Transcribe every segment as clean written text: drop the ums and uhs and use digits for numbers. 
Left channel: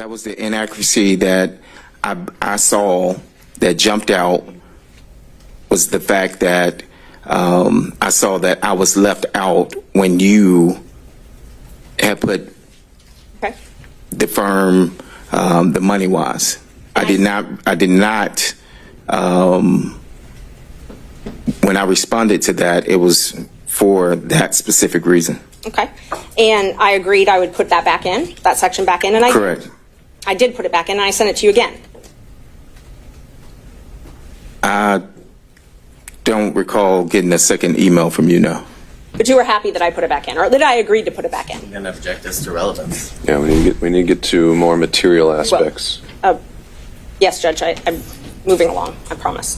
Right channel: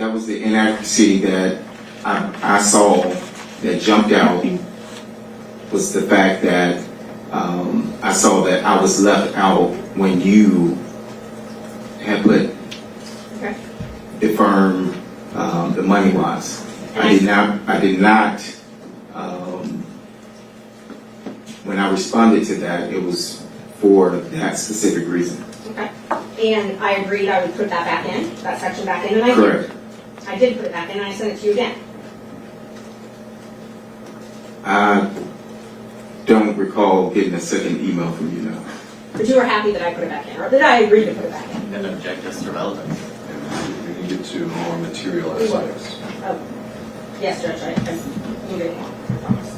That was the inaccuracy that I saw that jumped out, was the fact that I saw that I was left out when you had put Okay. the firm the money was. I did not, when I responded to that, it was for that specific reason. Okay. And I agreed I would put that back in, that section back in, and I Correct. did. I did put it back in, and I sent it to you again. I don't recall getting a second email from you now. But you were happy that I put it back in, or that I agreed to put it back in. And object us to relevance. Yeah, we need to get to more material aspects. Yes, Judge, I'm moving along, I promise.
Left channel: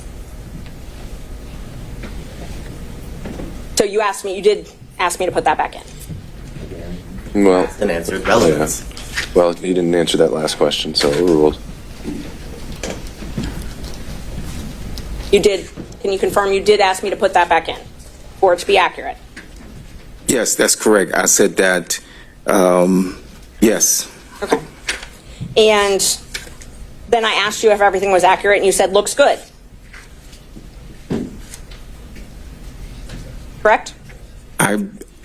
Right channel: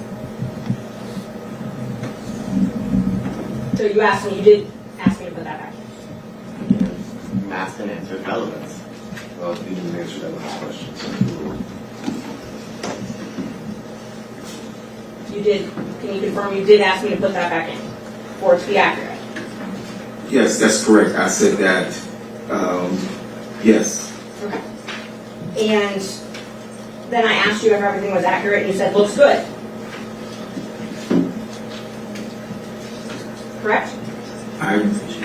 So you asked me, you did ask me to put that back in. Well, And answered relevance. well, he didn't answer that last question, so overruled. You did, can you confirm you did ask me to put that back in, for it to be accurate? Yes, that's correct. I said that, yes. Okay. And then I asked you if everything was accurate, and you said, looks good. Correct?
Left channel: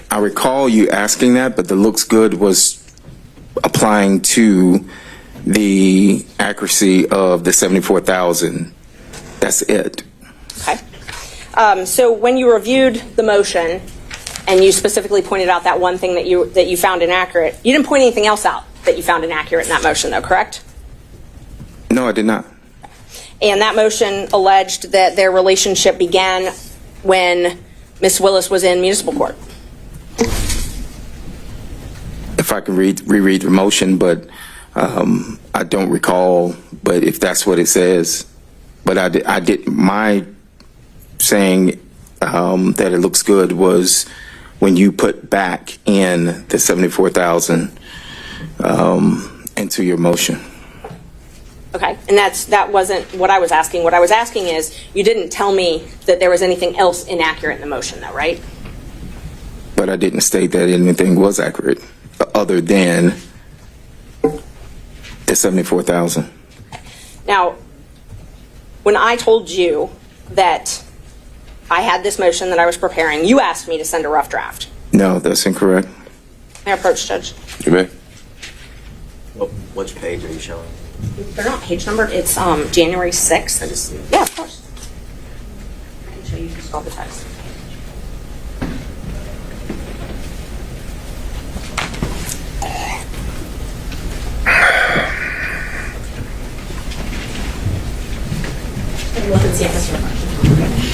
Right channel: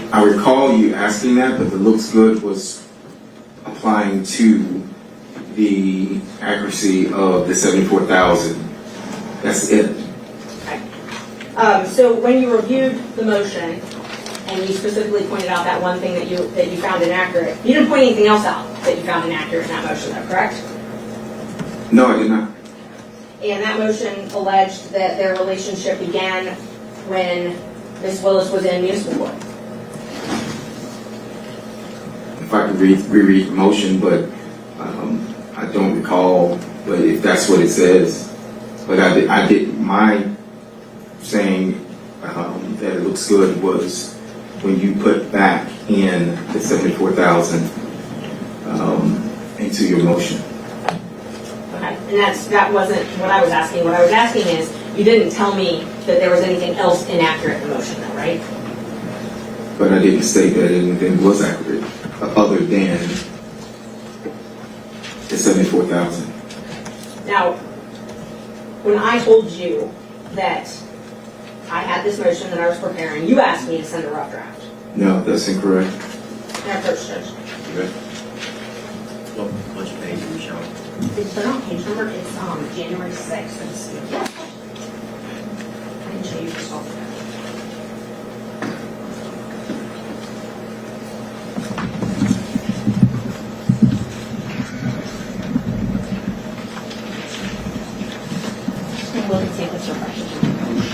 I recall you asking that, but the looks good was applying to the accuracy of the 74,000. That's it. Okay. So when you reviewed the motion, and you specifically pointed out that one thing that you found inaccurate, you didn't point anything else out that you found inaccurate in that motion, though, correct? No, I did not. And that motion alleged that their relationship began when Ms. Willis was in municipal court. If I could reread the motion, but I don't recall. But if that's what it says, but I did my saying that it looks good was when you put back in the 74,000 into your motion. Okay, and that wasn't what I was asking. What I was asking is, you didn't tell me that there was anything else inaccurate in the motion, though, right? But I didn't state that anything was accurate other than the 74,000. Now, when I told you that I had this motion that I was preparing, you asked me to send a rough draft. No, that's incorrect. May I approach, Judge? You may. Which page are you showing? They're not page numbered. It's January 6th. Yeah, of course. I can show you just all the text. Look and see if this refreshes.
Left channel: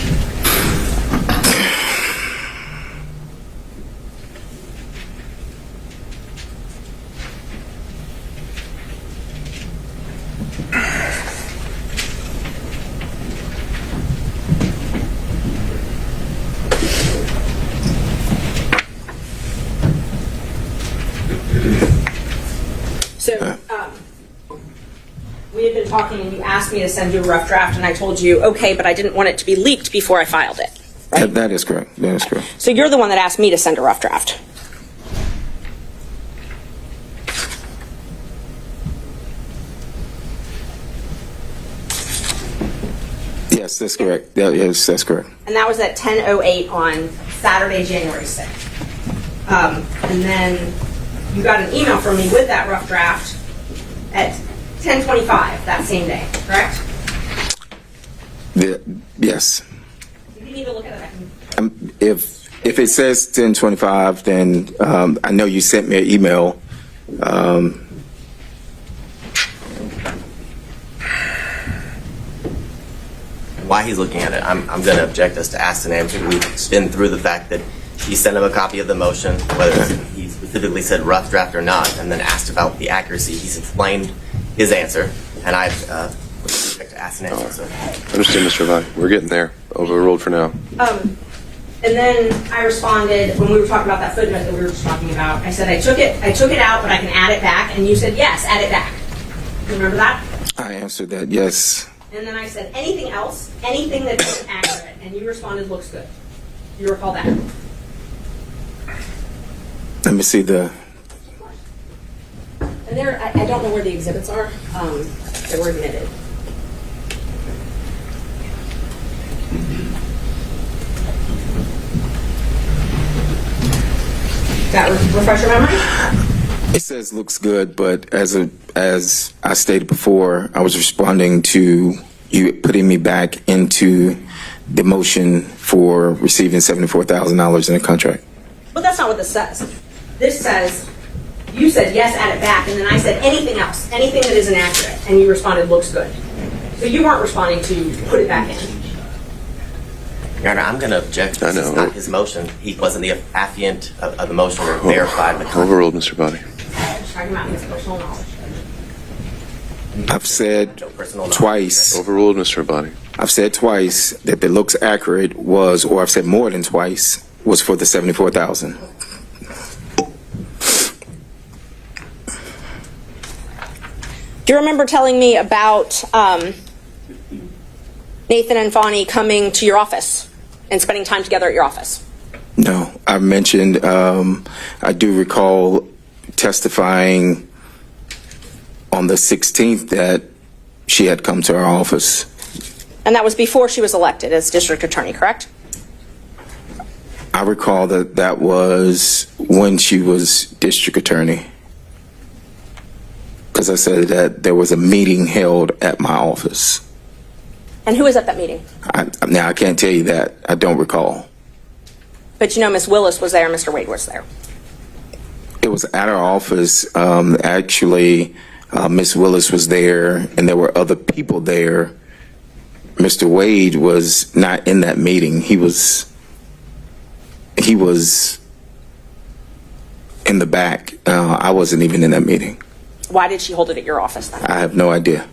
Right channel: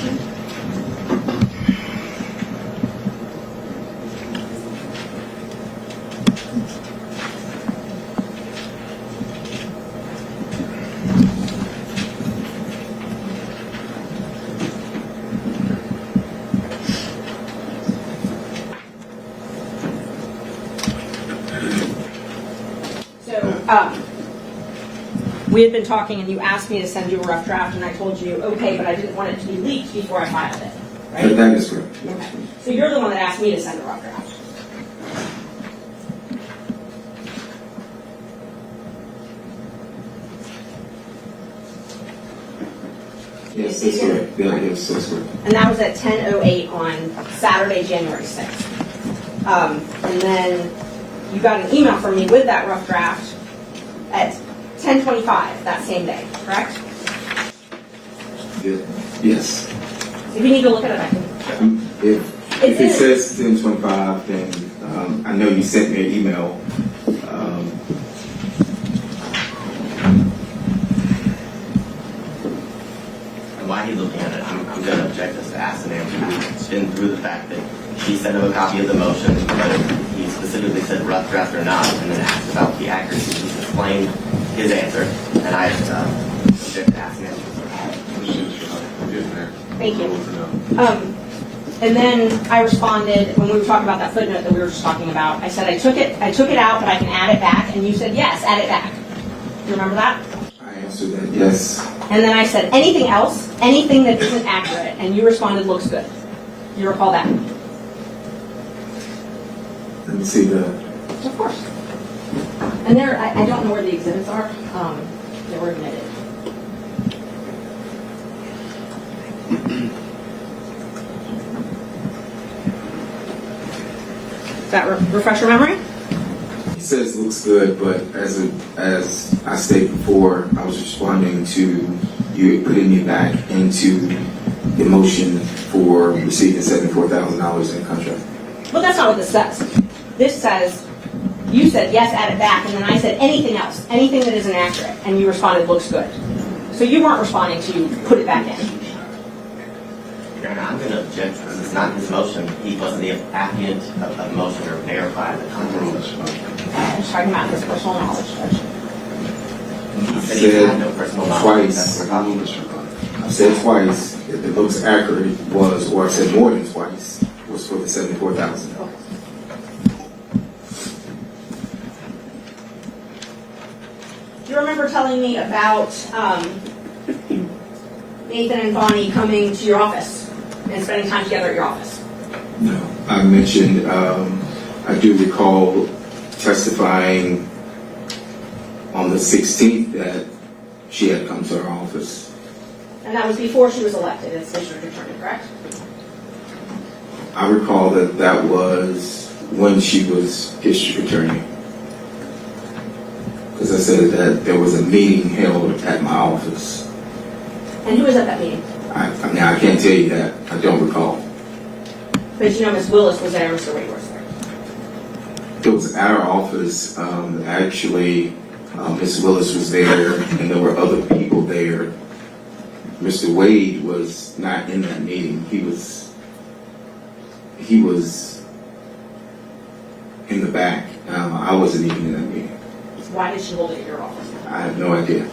So, we had been talking and you asked me to send you a rough draft and I told you, okay, but I didn't want it to be leaked before I filed it. Right? That is correct. That is correct. So you're the one that asked me to send a rough draft. Yes, that's correct. Yeah, yes, that's correct. And that was at 10:08 on Saturday, January 6th. And then you got an email from me with that rough draft at 10:25 that same day, correct? Yes. If you need to look at it, I can. If it says 10:25, then I know you sent me an email. Why he's looking at it, I'm going to object us to ask and answer. We've been through the fact that he sent him a copy of the motion, whether he specifically said rough draft or not, and then asked about the accuracy. He's explained his answer, and I object to ask and answer. So. Understood, Mr. Vine. We're getting there. Overruled for now. And then I responded when we were talking about that footnote that we were just talking about. I said I took it out, but I can add it back, and you said yes, add it back. You remember that? I answered that yes. And then I said anything else, anything that isn't accurate, and you responded looks good. You recall that? Let me see the. Of course. And there, I don't know where the exhibits are that were admitted. That refresh your memory? It says looks good, but as I stated before, I was responding to you putting me back into the motion for receiving $74,000 in a contract. Well, that's not what this says. This says, you said yes, add it back, and then I said anything else, anything that is inaccurate, and you responded looks good. So you weren't responding to put it back in. Your Honor, I'm going to object. I This is know. not his motion. He wasn't the affiant of the motion or verified the contract. Overruled, Mr. Body. I'm just talking about his personal knowledge, Judge. I've He had no said personal knowledge. twice. Overruled, Mr. Body. I've said twice that the looks accurate was, or I've said more than twice, was for the $74,000. Do you remember telling me about Nathan and Fani coming to your office and spending time together at your office? No, I mentioned, I do recall testifying on the 16th that she had come to our office. And that was before she was elected as district attorney, correct? I recall that that was when she was district attorney. Because I said that there was a meeting held at my office. And who was at that meeting? Now, I can't tell you that. I don't recall. But you know Miss Willis was there, Mr. Wade was there. It was at our office. Actually, Miss Willis was there, and there were other people there. Mr. Wade was not in that meeting. He was in the back. I wasn't even in that meeting. Why did she hold it at your office then? I have no idea.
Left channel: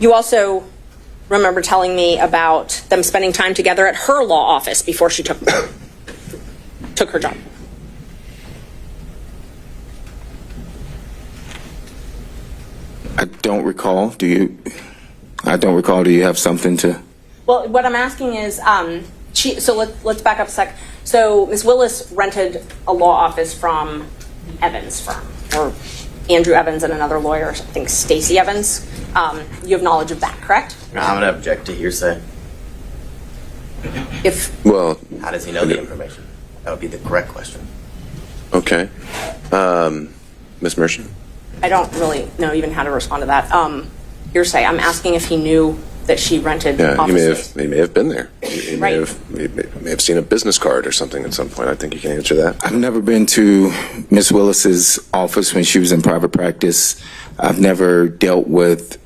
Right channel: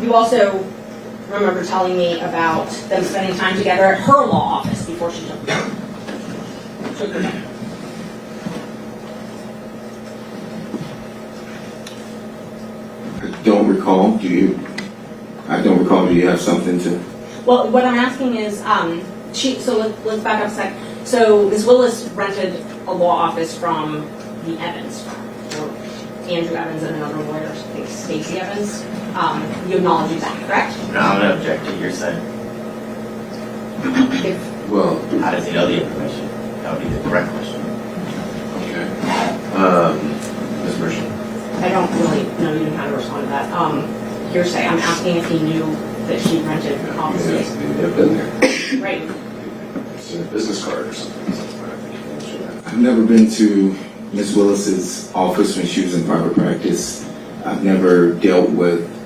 You also remember telling me about them spending time together at her law office before she took her job. I don't recall. Do you? I don't recall. Do you have something to? Well, what I'm asking is, let's back up a sec. So Ms. Willis rented a law office from the Evans firm, or Andrew Evans and another lawyer, I think Stacy Evans. You have knowledge of that, correct? No, I'm going to object to hearsay. Well, How does he know the information? That would be the correct question. Okay. Ms. Mershon. I don't really know even how to respond to that. Hearsay, I'm asking if he knew that she rented Yeah, office space. he may have been there. He may Right. may have seen a business card or something at some point. I think you can answer that. I've never been to Miss Willis's office when she was in private practice. I've never dealt with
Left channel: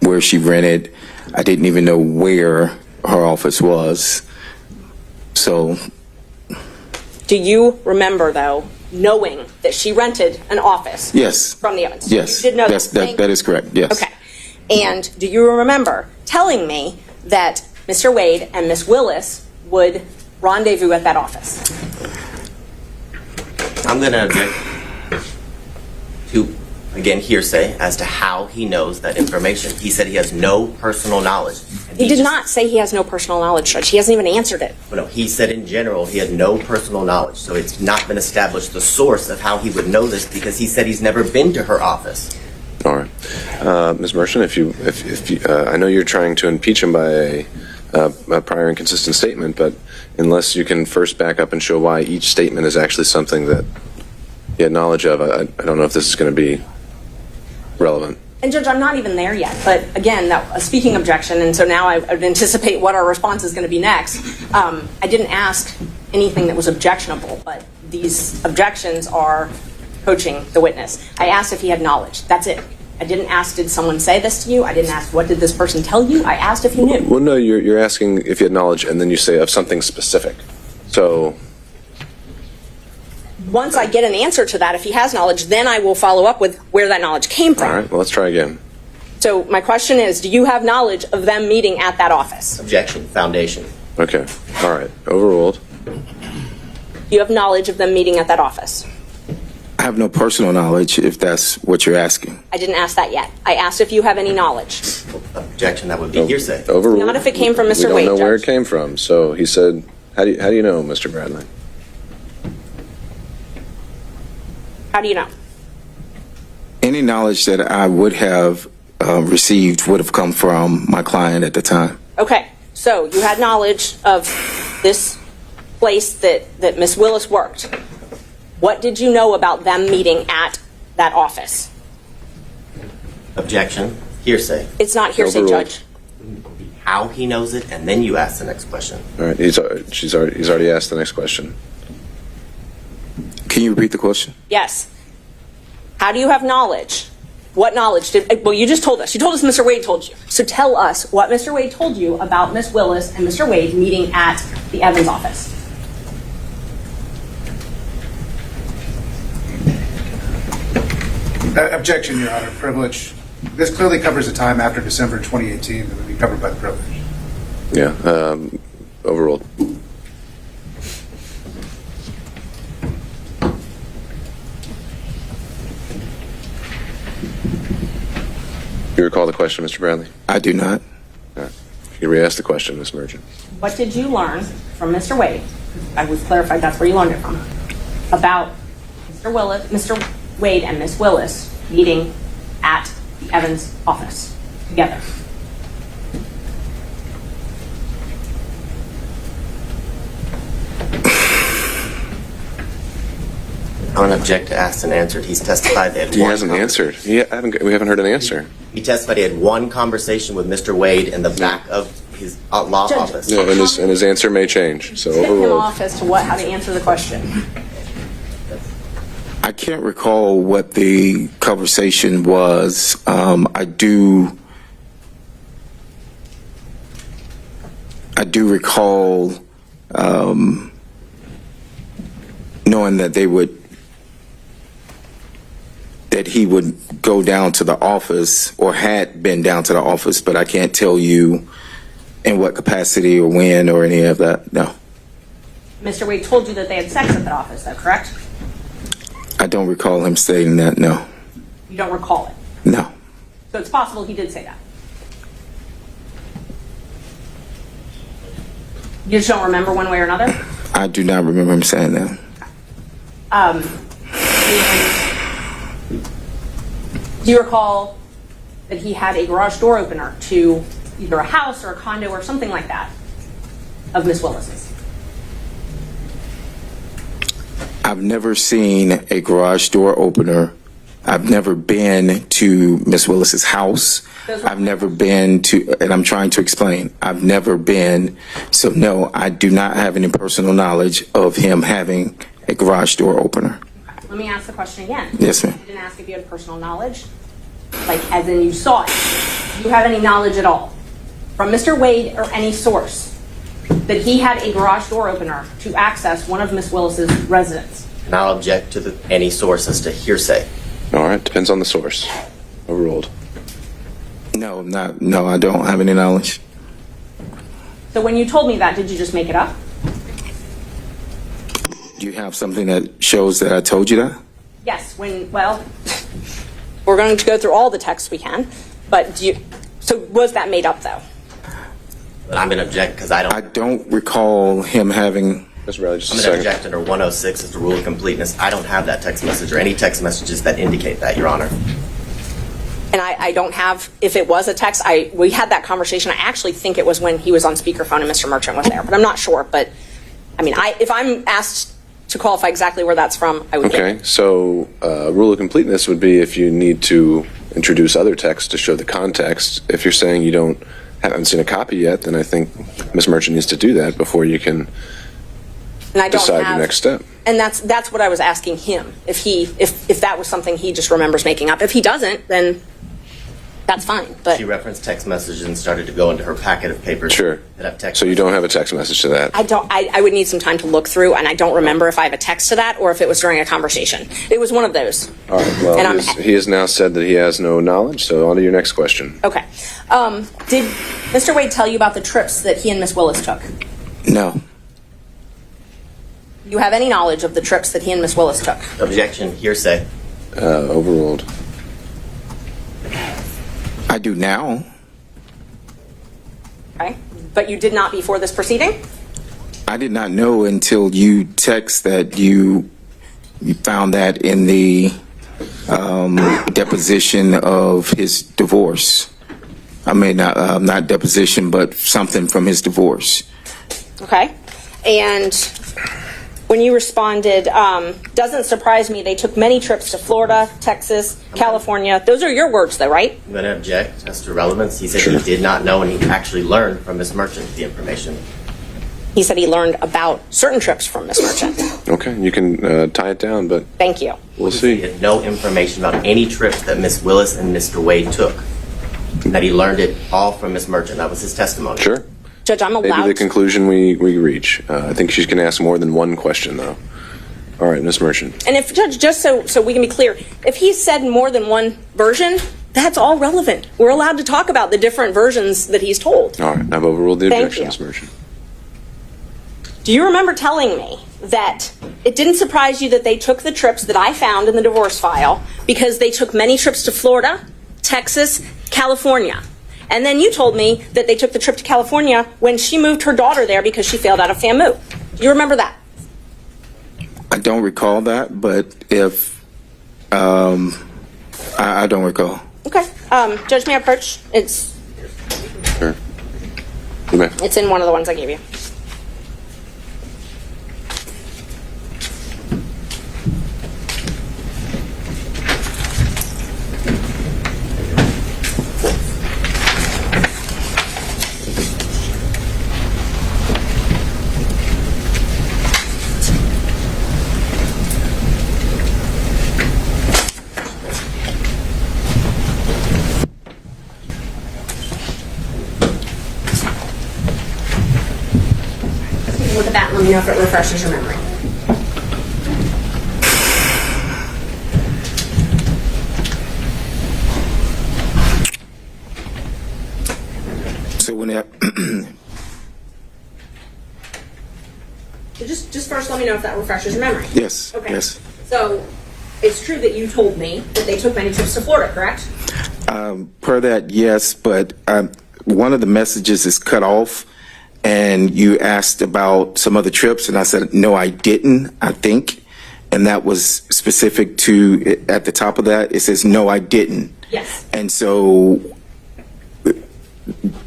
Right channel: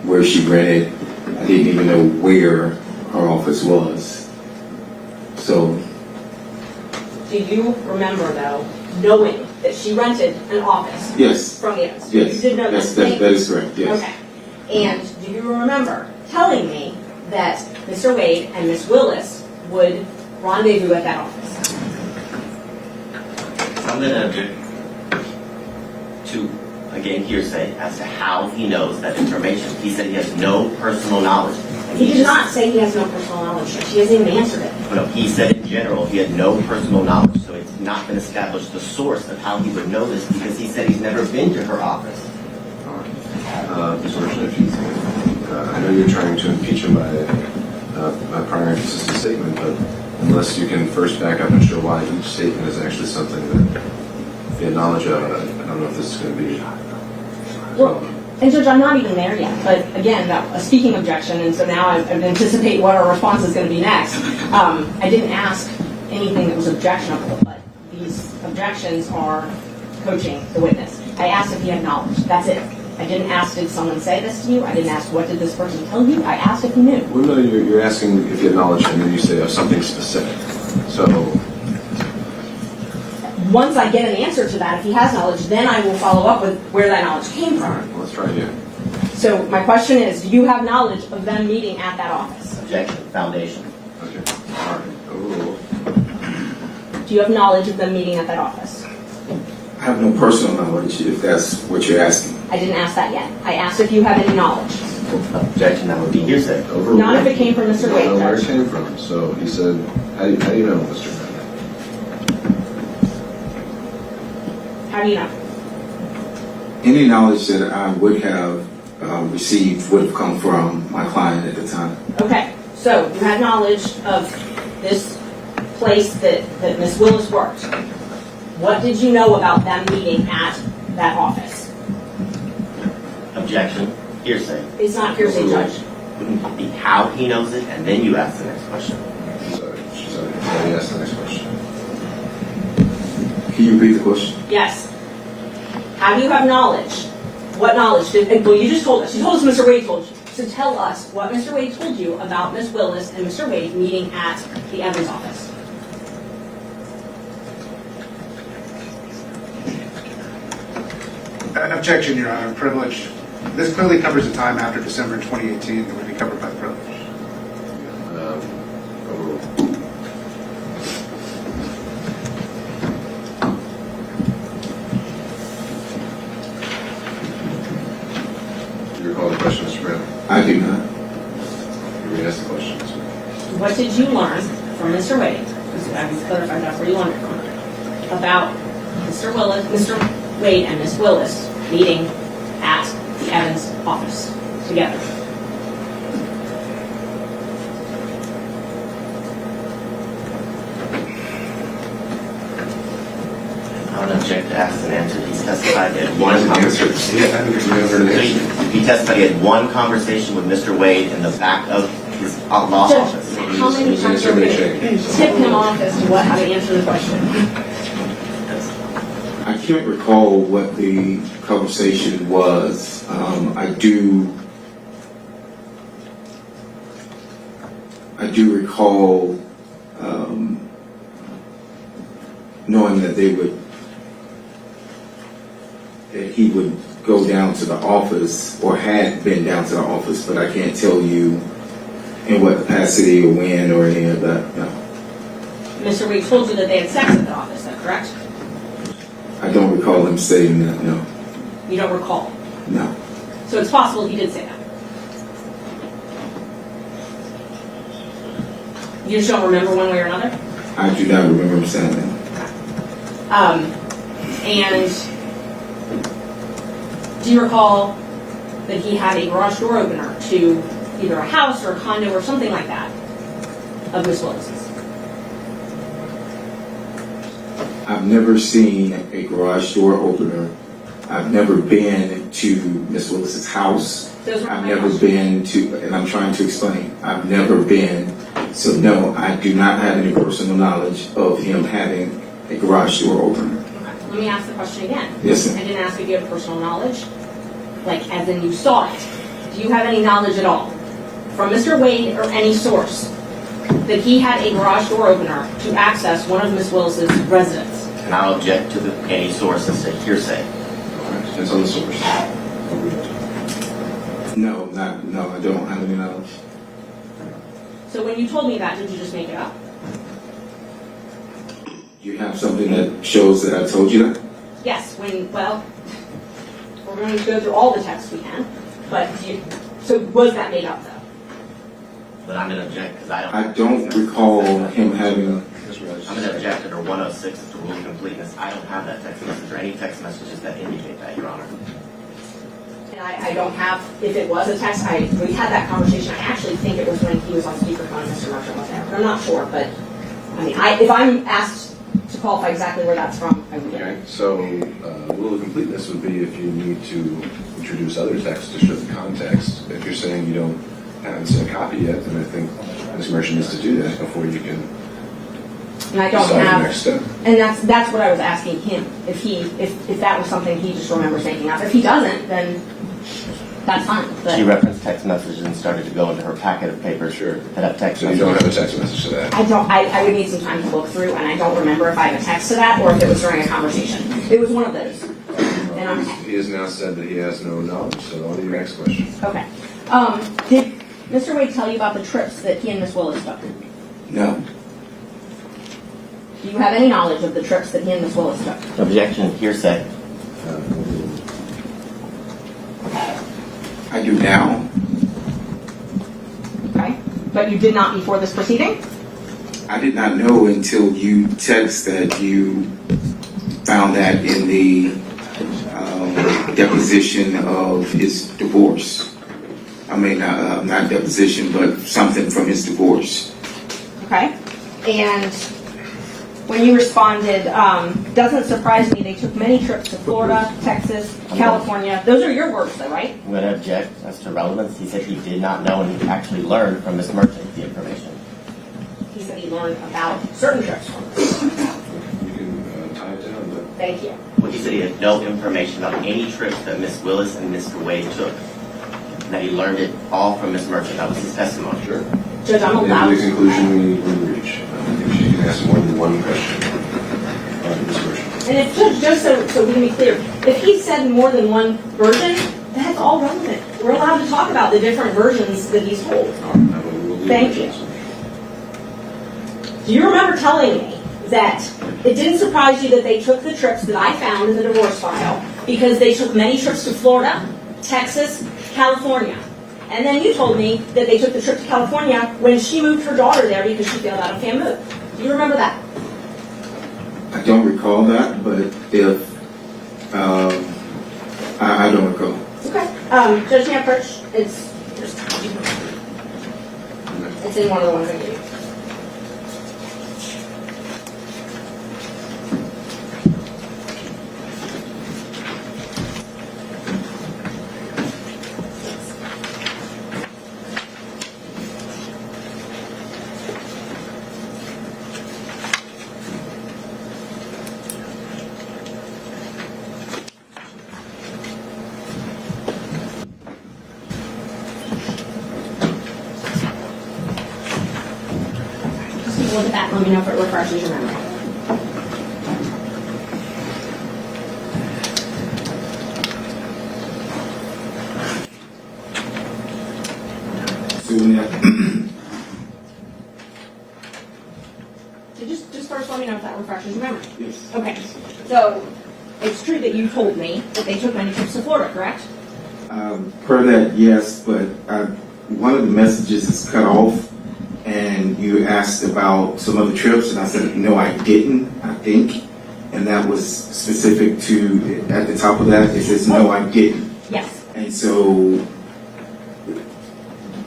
where she rented. I didn't even know where her office was. So, Do you remember, though, knowing that she rented an office yes. from the Evans? Yes. You did know Yes, that? that is correct. Yes. Okay. And do you remember telling me that Mr. Wade and Miss Willis would rendezvous at that office? I'm going to object to, again, hearsay as to how he knows that information. He said he has no personal knowledge. And He did just- not say he has no personal knowledge, Judge. He hasn't even answered it. No, he said in general he had no personal knowledge, so it's not been established the source of how he would know this because he said he's never been to her office. All right. Ms. Mershon, if you, I know you're trying to impeach him by a prior inconsistent statement, but unless you can first back up and show why each statement is actually something that he had knowledge of, I don't know if this is going to be relevant. And Judge, I'm not even there yet, but again, that a speaking objection, and so now I would anticipate what our response is going to be next. I didn't ask anything that was objectionable, but these objections are coaching the witness. I asked if he had knowledge. That's it. I didn't ask, did someone say this to you? I didn't ask, what did this person tell you? I asked if you knew. Well, no, you're asking if you had knowledge, and then you say of something specific. So, Once I get an answer to that, if he has knowledge, then I will follow up with where that knowledge came all from. right, well, let's try again. So my question is, do you have knowledge of them meeting at that office? Objection, foundation. Okay, all right, overruled. Do you have knowledge of them meeting at that office? I have no personal knowledge, if that's what you're asking. I didn't ask that yet. I asked if you have any knowledge. Objection, that would be hearsay. Overruled. Not if it came from Mr. We Wade, don't know where it Judge. came from. So he said, how do you know, Mr. Bradley? How do you know? Any knowledge that I would have received would have come from my client at the time. Okay, so you had knowledge of this place that Miss Willis worked. What did you know about them meeting at that office? Objection. Hearsay. It's not hearsay, Judge. Wouldn't be how he knows it, and then you ask the next question. All right, he's already asked the next question. Can you repeat the question? Yes. How do you have knowledge? What knowledge did, well, you just told us. You told us Mr. Wade told you. So tell us what Mr. Wade told you about Miss Willis and Mr. Wade meeting at the Evans office. Objection, Your Honor. Privilege. This clearly covers the time after December 2018 that would be covered by the privilege. Yeah, overruled. You recall the question, Mr. Bradley? I do not. You re-asked the question, Ms. Merchant. What did you learn from Mr. Wade? I was clarified that's where you learned it from. About Mr. Wade and Miss Willis meeting at the Evans office together. I don't object to asked and answered. He's testified that He hasn't answered. Yeah, we haven't heard an answer. He testified he had one conversation with Mr. Wade in the back of his law Judge, office. Yeah, but his answer may change. So Tip him overruled. off as to how to answer the question. I can't recall what the conversation was. I do recall knowing that he would go down to the office or had been down to the office, but I can't tell you in what capacity or when or any of that. No, Mr. Wade told you that they had sex at that office, though, correct? I don't recall him stating that. No, You don't recall it. no. So it's possible he did say that. You just don't remember one way or another? I do not remember him saying that. And do you recall that he had a garage door opener to either a house or a condo or something like that of Miss Willis's? I've never seen a garage door opener. I've never been to Miss Willis's house. Those were I've my never questions. been to, and I'm trying to explain. I've never been, so no, I do not have any personal knowledge of him having a garage door opener. Okay, let me ask the question again. Yes, ma'am. I didn't ask if you have personal knowledge, like as in you saw it. Do you have any knowledge at all from Mr. Wade or any source that he had a garage door opener to access one of Miss Willis's residence? And I'll object to any source as to hearsay. All right, depends on the source. Overruled. No, I don't have any knowledge. So when you told me that, did you just make it up? Do you have something that shows that I told you that? Yes, well, we're going to go through all the texts we can, but so was that made up though? But I'm going to object because I don't recall him having. Mr. Bradley, just I'm a going to second. object under 106 as the rule of completeness. I don't have that text message or any text messages that indicate that, Your Honor. And I don't have, if it was a text, we had that conversation. I actually think it was when he was on speakerphone and Mr. Merchant was there, but I'm not sure. But I mean, if I'm asked to qualify exactly where that's from, I would get Okay, it. so rule of completeness would be if you need to introduce other text to show the context. If you're saying you haven't seen a copy yet, then I think Ms. Merchant needs to do that before you can And I don't decide have, the next step. and that's what I was asking him. If that was something he just remembers making up. If he doesn't, then that's fine. But She referenced text messages and started to go into her packet of papers. Sure. That have text So you don't have a messages. text message to that? I don't. I would need some time to look through, and I don't remember if I have a text to that or if it was during a conversation. It was one of those. All right, well, And I'm- he has now said that he has no knowledge, so on to your next question. Okay. Did Mr. Wade tell you about the trips that he and Miss Willis took? No, Do you have any knowledge of the trips that he and Miss Willis took? Objection, hearsay. Overruled. I do now. Okay. But you did not before this proceeding? I did not know until you text that you You found that in the deposition of his divorce. I mean, not deposition, but something from his divorce. Okay. And when you responded, doesn't surprise me, they took many trips to Florida, Texas, California. Those are your words, though, right? I'm going to object as to relevance. He said Sure. he did not know, and he actually learned from Ms. Merchant the information. He said he learned about certain trips from Ms. Merchant. Okay, you can tie it down, but Thank you. we'll He said he see. had no information about any trips that Ms. Willis and Mr. Wade took. That he learned it all from Ms. Merchant. That was his testimony. Sure. Judge, I'm Maybe allowed the to. conclusion we reach. I think she's going to ask more than one question, though. All right, Ms. Merchant. And if, Judge, just so we can be clear, if he said more than one version, that's all relevant. We're allowed to talk about the different versions that he's told. All right, I've overruled the Thank objection, you. Ms. Merchant. Do you remember telling me that it didn't surprise you that they took the trips that I found in the divorce file because they took many trips to Florida, Texas, California? And then you told me that they took the trip to California when she moved her daughter there because she failed out of FAMU. Do you remember that? I don't recall that, but if I don't recall. Okay. Judge, may I approach? Sure. You may. It's in one of the ones I gave you. Look at that and let me know if it refreshes your memory. So when they Just first let me know if that refreshes your memory. yes, Okay. yes. So it's true that you told me that they took many trips to Florida, correct? Per that, yes, but one of the messages is cut off, and you asked about some other trips, and I said, no, I didn't, I think. And that was specific to, at the top of that, it says, no, I didn't. Yes. And so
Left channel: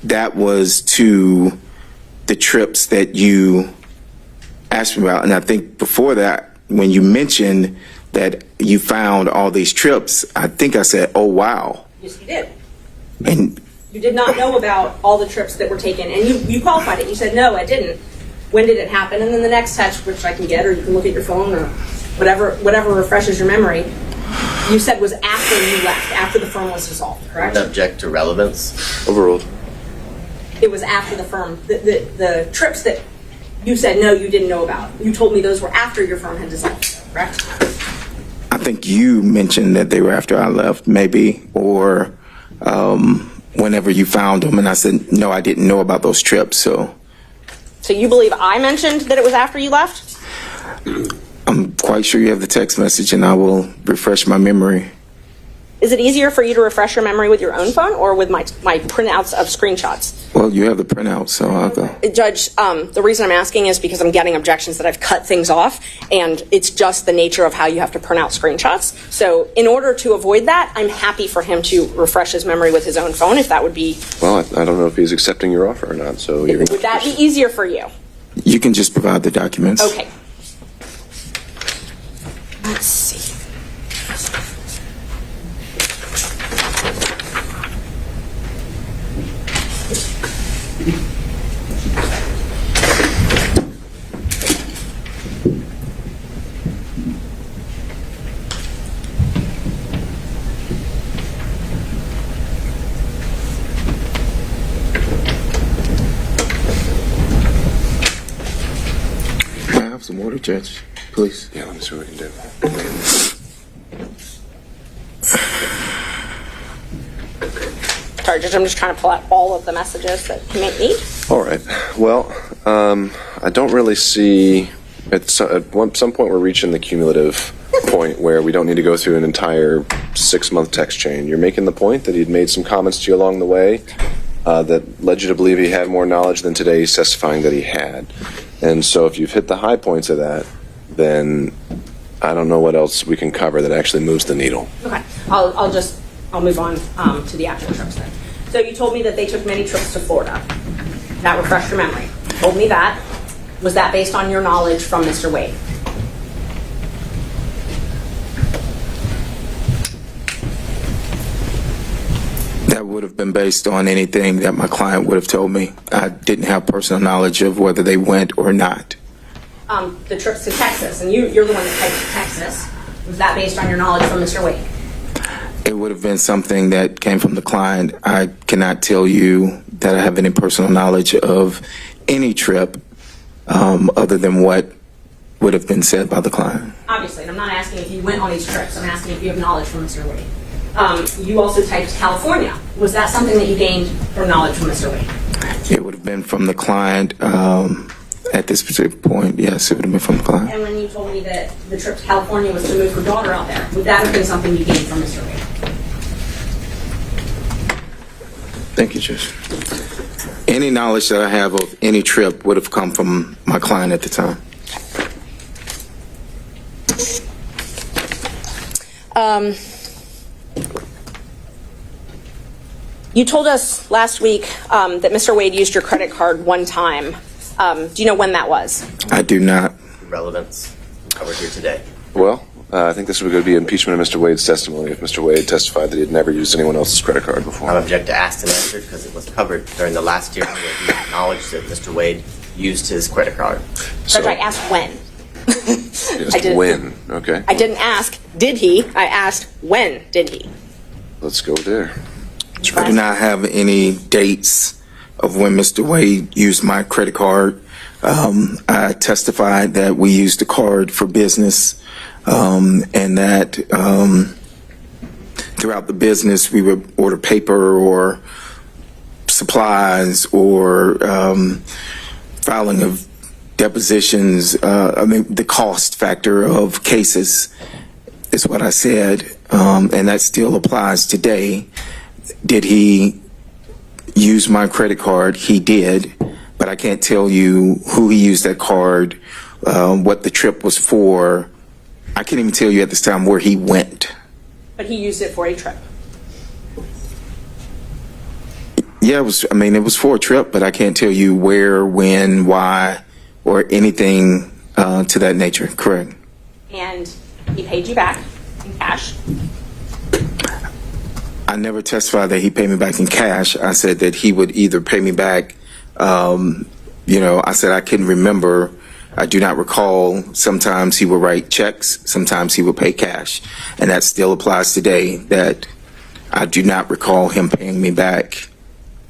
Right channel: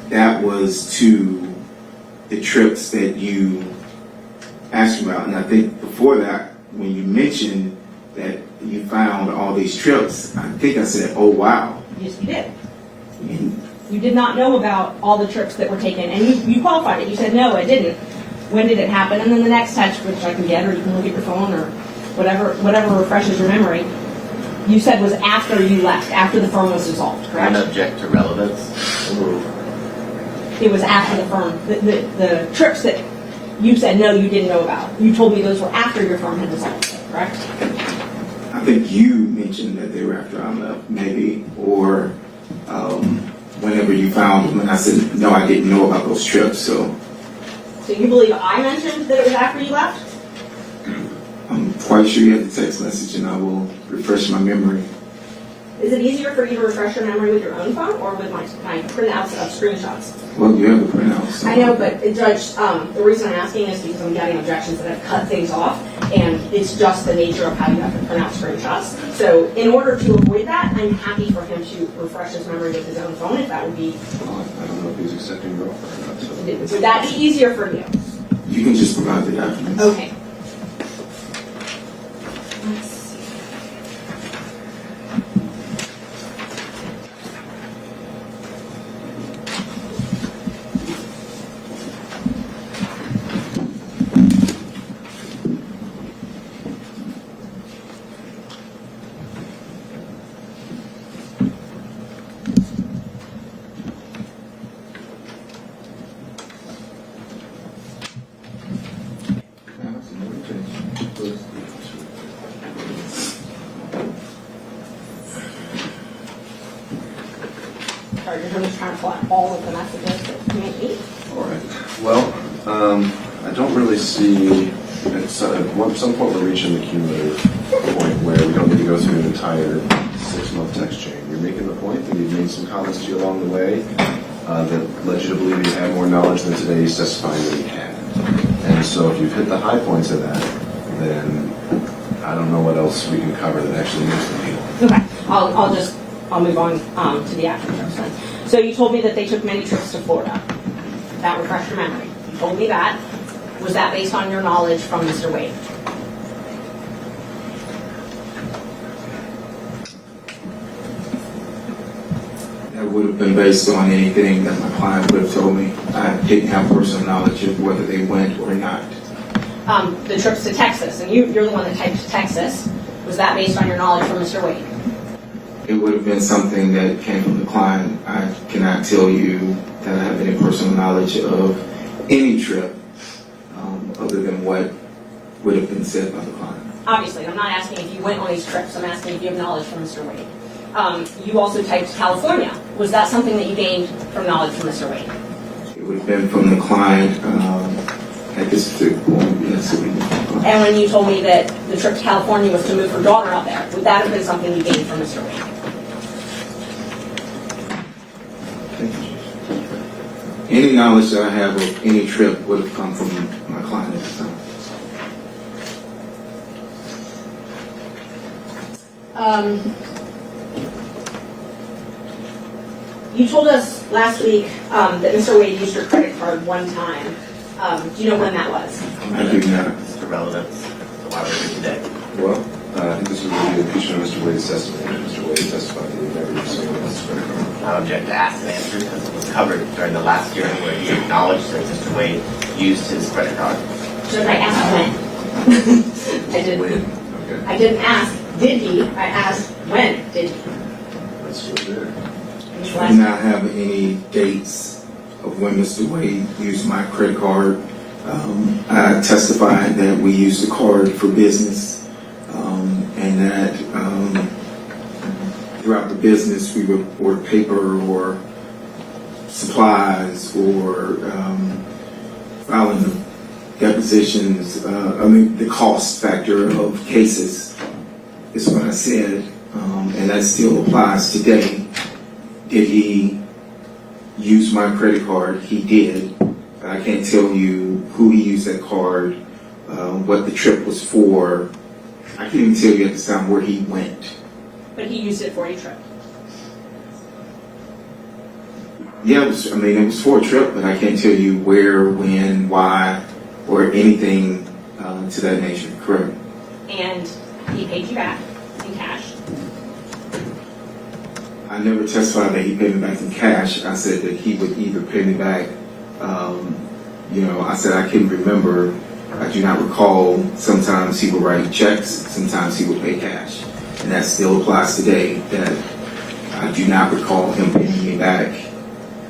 that was to the trips that you asked me about. And I think before that, when you mentioned that you found all these trips, I think I said, oh, wow. Yes, you did. And You did not know about all the trips that were taken, and you qualified it. You said, no, it didn't. When did it happen? And then the next text, which I can get, or you can look at your phone, or whatever refreshes your memory, you said was after you left, after the firm was dissolved, I'm correct? going to object to relevance. Overruled. It was after the firm, the trips that you said, no, you didn't know about. You told me those were after your firm had dissolved, correct? I think you mentioned that they were after I left, maybe, or whenever you found them. And I said, no, I didn't know about those trips. So So you believe I mentioned that it was after you left? I'm quite sure you have the text message, and I will refresh my memory. Is it easier for you to refresh your memory with your own phone or with my printouts of screenshots? Well, you have the printout, so I know, I'll have but Judge, the reason I'm asking is because I'm getting objections that I've cut things off, and it's just the nature of how you have to print out screenshots. So in order to avoid that, I'm happy for him to refresh his memory with his own phone, if that would be, Well, I don't know if he's accepting your offer or not, so you're would that be easier for you? You can just provide the documents. Okay. Let's see. Can I have some water, Judge, please? Yeah, let me see what we can do. Sorry, Judge, I'm just trying to pull out all of the messages that you may need. All right. Well, I don't really see, at some point we're reaching the cumulative point where we don't need to go through an entire 6-month text chain. You're making the point that he'd made some comments to you along the way that led you to believe he had more knowledge than today he's testifying that he had. And so if you've hit the high points of that, then I don't know what else we can cover that actually moves the needle. Okay, I'll move on to the actual trips then. So you told me that they took many trips to Florida. That refreshed your memory. You told me that. Was that based on your knowledge from Mr. Wade? That would have been based on anything that my client would have told me. I didn't have personal knowledge of whether they went or not. The trips to Texas, and you're the one that typed Texas. Was that based on your knowledge from Mr. Wade? It would have been something that came from the client. I cannot tell you that I have any personal knowledge of any trip other than what would have been said by the client. Obviously, I'm not asking if you went on these trips. I'm asking if you have knowledge from Mr. Wade. You also typed California. Was that something that you gained from knowledge from Mr. Wade? It would have been from the client at this particular point. Yes, it would have been from the client. And when you told me that the trip to California was to move her daughter out there, would that have been something you gained from Mr. Wade? Thank you, Judge. Any knowledge that I have of any trip would have come from my client at the time. You told us last week that Mr. Wade used your credit card one time. Do you know when that was? I do not. The relevance of why we're here today. Well, I think this was going to be impeachment of Mr. Wade's testimony. Mr. Wade testified that he had never used anyone else's credit card before. I object to asked and answered because it was covered during the last hearing where he acknowledged that Mr. Wade used his credit card. But I asked when. Just I did. when, okay? I didn't ask, did he? I asked, when did he? Let's go there. I do not have any dates of when Mr. Wade used my credit card. I testified that we used the card for business and that throughout the business we would order paper or supplies or filing of depositions. The cost factor of cases is what I said, and that still applies today. Did he use my credit card? He did, but I can't tell you who he used that card, what the trip was for. I can't even tell you at this time where he went. But he used it for a trip. Yeah, it was for a trip, but I can't tell you where, when, why, or anything to that nature. Correct. And he paid you back in cash. I never testified that he paid me back in cash. I said that he would either pay me back, I said I can remember. I do not recall. Sometimes he would write checks. Sometimes he would pay cash. And that still applies today, that I do not recall him paying me back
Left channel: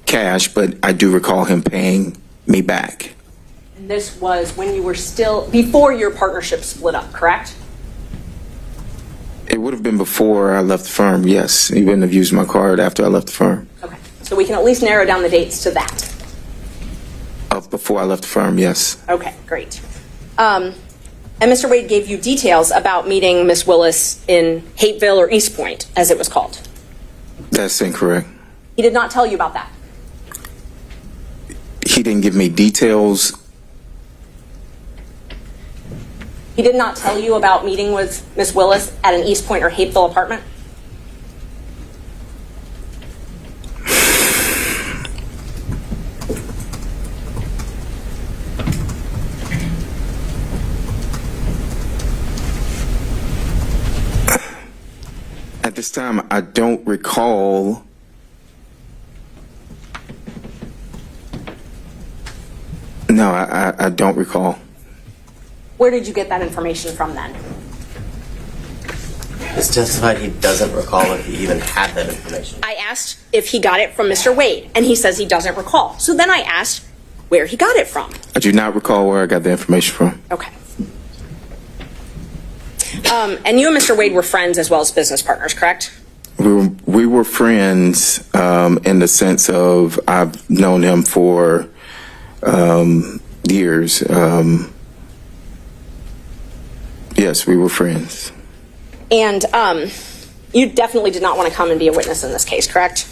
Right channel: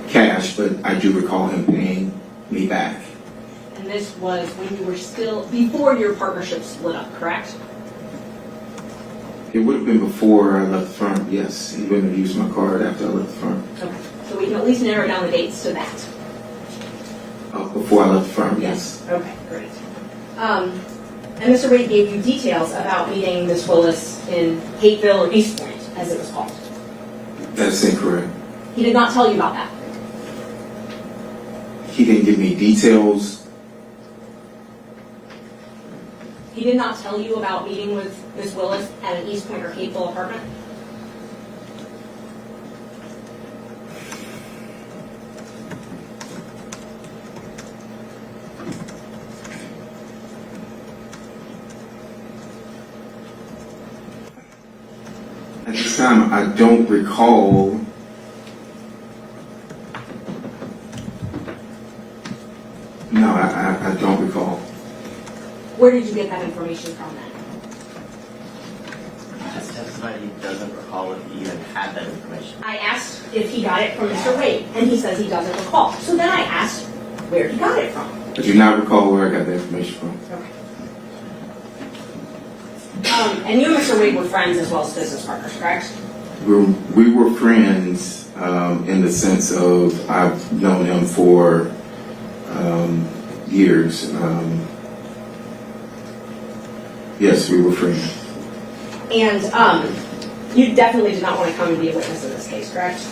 cash, but I do recall him paying me back. And this was when you were still, before your partnership split up, correct? It would have been before I left the firm, yes. He wouldn't have used my card after I left the firm. Okay. So we can at least narrow down the dates to that. Before I left the firm, yes. Okay, great. And Mr. Wade gave you details about meeting Miss Willis in Hateville or East Point, as it was called. That's incorrect. He did not tell you about that. He didn't give me details. He did not tell you about meeting with Miss Willis at an East Point or Hateville apartment? At this time, I don't recall. No, I don't recall. Where did you get that information from then? He's testified he doesn't recall if he even had that information. I asked if he got it from Mr. Wade, and he says he doesn't recall. So then I asked where he got it from. I do not recall where I got the information from. Okay. And you and Mr. Wade were friends as well as business partners, correct? We were friends in the sense of I've known him for years. Yes, we were friends. And you definitely did not want to come and be a witness in this case, correct?